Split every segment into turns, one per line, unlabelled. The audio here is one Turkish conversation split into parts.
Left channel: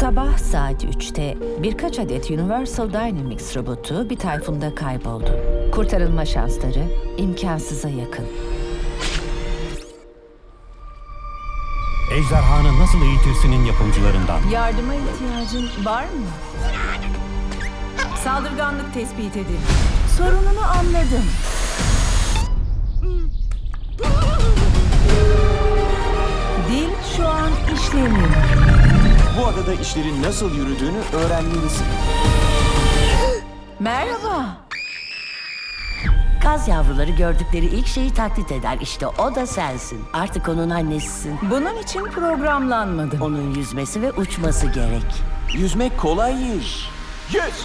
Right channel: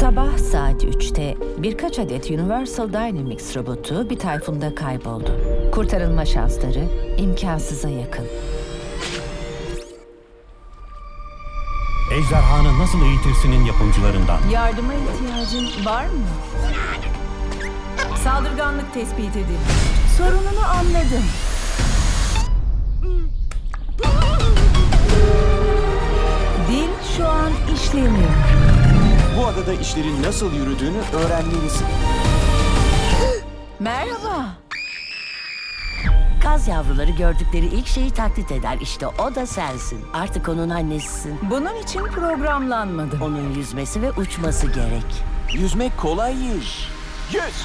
Sabah saat 3'te birkaç adet Universal Dynamics robotu bir tayfunda kayboldu. Kurtarılma şansları imkansıza yakın.
Ejderhanı Nasıl Eğitirsinin yapımcılarından.
Yardıma ihtiyacın var mı? Saldırganlık tespit edildi. Sorununu anladım. Dil şu an işlemiyor.
Bu adada işlerin nasıl yürüdüğünü öğrenmelisin.
Merhaba.
Kaz yavruları gördükleri ilk şeyi taklit eder. İşte o da sensin. Artık onun annesisin.
Bunun için programlanmadım.
Onun yüzmesi ve uçması gerek.
Yüzmek kolay iş. Yüz!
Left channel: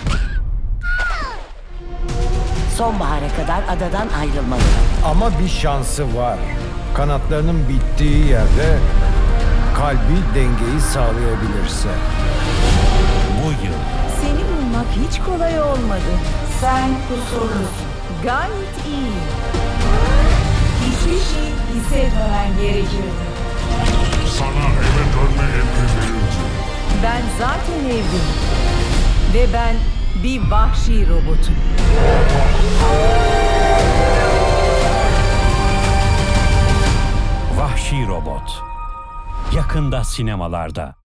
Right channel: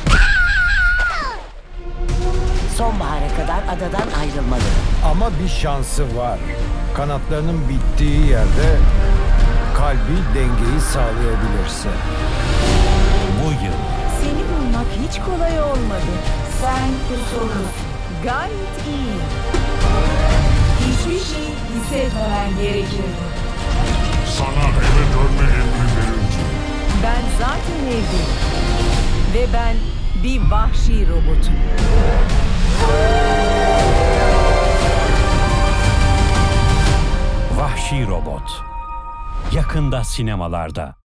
Sonbahara kadar adadan ayrılmalı.
Ama bir şansı var. Kanatlarının bittiği yerde kalbi dengeyi sağlayabilirse.
Bu yıl
Seni bulmak hiç kolay olmadı. Sen kusurlusun. Gayet iyi. Hiçbir şey hissetmemen gerekirdi.
Sana eve dönme emri verildi.
Ben zaten evdeyim. Ve ben bir vahşi robotum.
Vahşi Robot. Yakında sinemalarda.